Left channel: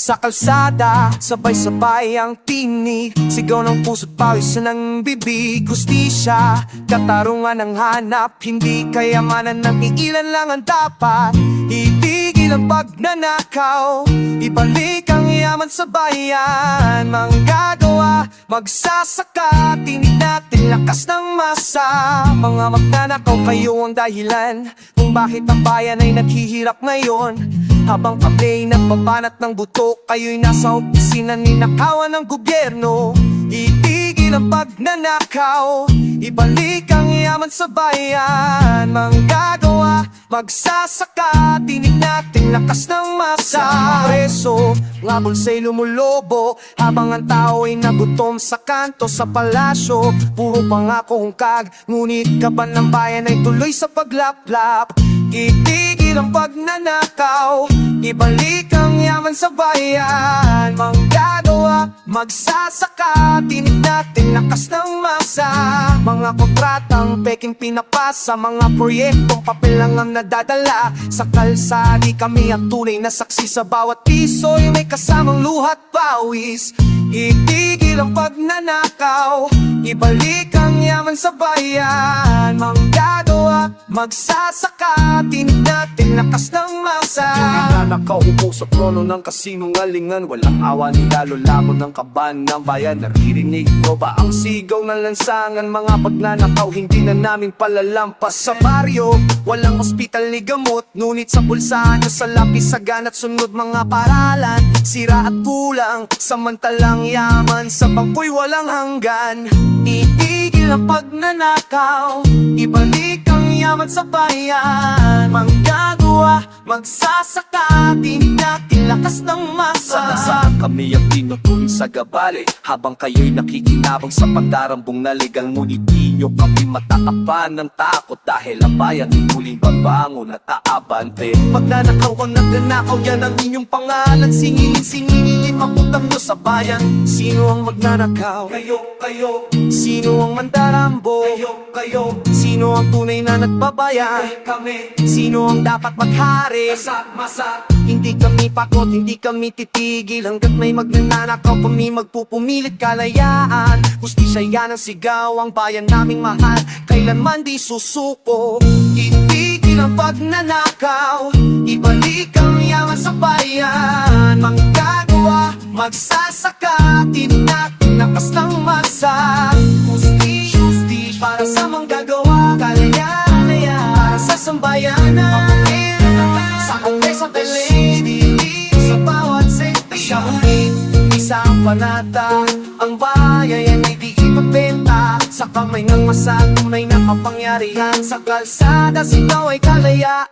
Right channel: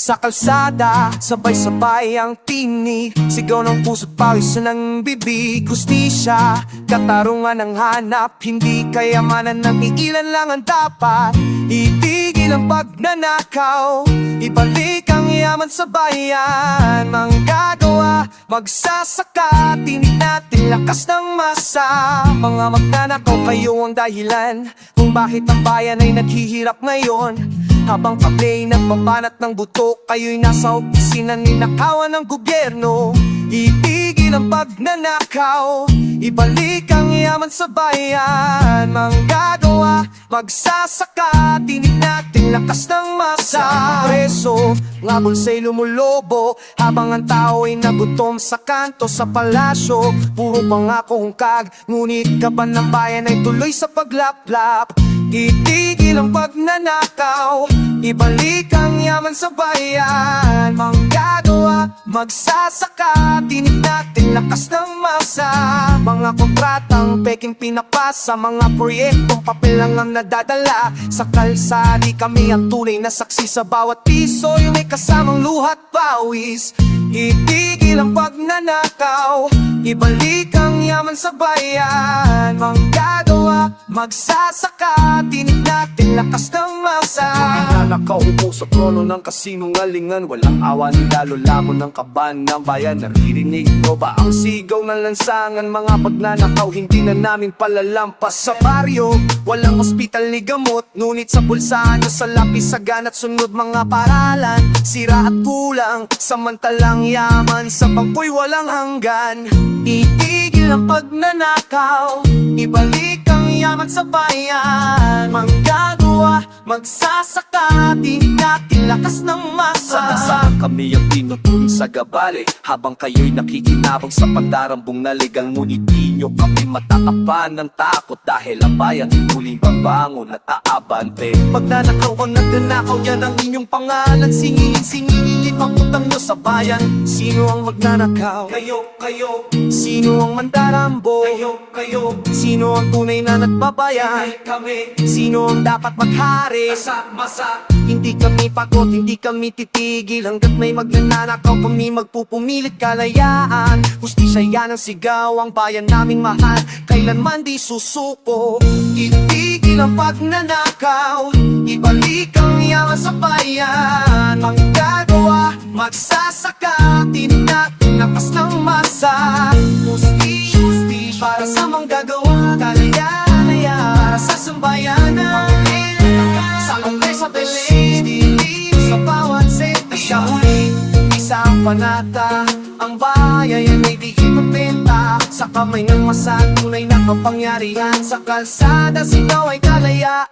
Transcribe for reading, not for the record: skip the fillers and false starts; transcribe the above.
Sa kalsada, sabay-sabay ang tinig, sigaw ng puso't pawis ng bibig. Hustisya, katarungan ang hanap, hindi kayamanan ng iilan lang ang dapat. Itigil ang pagnanakaw, ibalik ang yaman sa bayan. Manggagawa, magsasaka, tinig natin lakas ng masa. Mga magnanakaw, kayo ang dahilan kung bakit ang bayan ay naghihirap ngayon. Habang kami nagpapanat ng buto, kayo'y nasa opisina ninakawan ng gobyerno. Itigil ang pagnanakaw, ibalik ang yaman sa bayan. Manggagawa, magsasaka, tinig natin lakas ng masa. Preso, nga bulsa'y lumulobo, habang ang tao ay nagutom sa kanto sa palasyo. Puro pangako hungkag, ngunit kaban ng bayan ay tuloy sa paglaplap. Itigil ang pagnanakaw, ibalik ang yaman sa bayan. Manggagawa, magsasaka, tinig natin lakas ng masa. Mga kontratang peking pinapasa, mga proyektong papel lang ang nadadala. Sa kalsada kami ang tunay na saksi, sa bawat piso yung may kasamang luhat pawis. Itigil ang pagnanakaw, ibalik ang yaman sa bayan. Manggagawa, magsasaka, tinig natin lakas ng masa. Nanakaw upo sa trono ng kasinungalingan, walang awan lalo lamon ng kaban ng bayan. Naririnig mo ba ang sigaw ng lansangan? Mga pagnanakaw hindi na namin palalampas. Sa baryo, walang ospital ni gamot, ngunit sa pulsahan sa lapis, sagan at sunod mga paralan. Sira at kulang, samantalang yaman sa bangko'y walang hanggan. Itigil ang pagnanakaw, ibalik ang yaman sa bayan. Manggagawa, magsasaka, tinig natin lakas ng masa. Saan kami ang tinutuloy sa gabali, habang kayo'y nakikinabang sa pandarambong naligang. Ngunit di nyo kami matatapan ng takot, dahil ang bayan muling babangon at aabante. Magnanakaw ang nagnanakaw, yan ang inyong pangalan. Singilin, maputang nyo sa bayan. Sino ang magnanakaw? Kayo, Sino ang mandarambo? kayo, Sino ang tunay na nagbabayan? kami, Sino ang dapat maghari? masa. Hindi kami pakot, hindi kami titigil, hanggat may magnanakaw kami magpupumilit kalayaan. Hustisya yan ang sigaw, ang bayan naming mahal, kailanman di susuko. Itigil ang pagnanakaw, ibalik ang yaman sa bayan. Manggagawa, magsasaka, tinig natin lakas ng masa. Hustisya para sa manggagawa, kalayaan para sa sambayanan. Sa kongreso at dilid, sa bawat sitwasyon, isang panata, ang bayan ay di ipabenta. Sa kamay ng masa, tunay na kapangyarihan. Sa kalsada, sigaw ay kalayaan.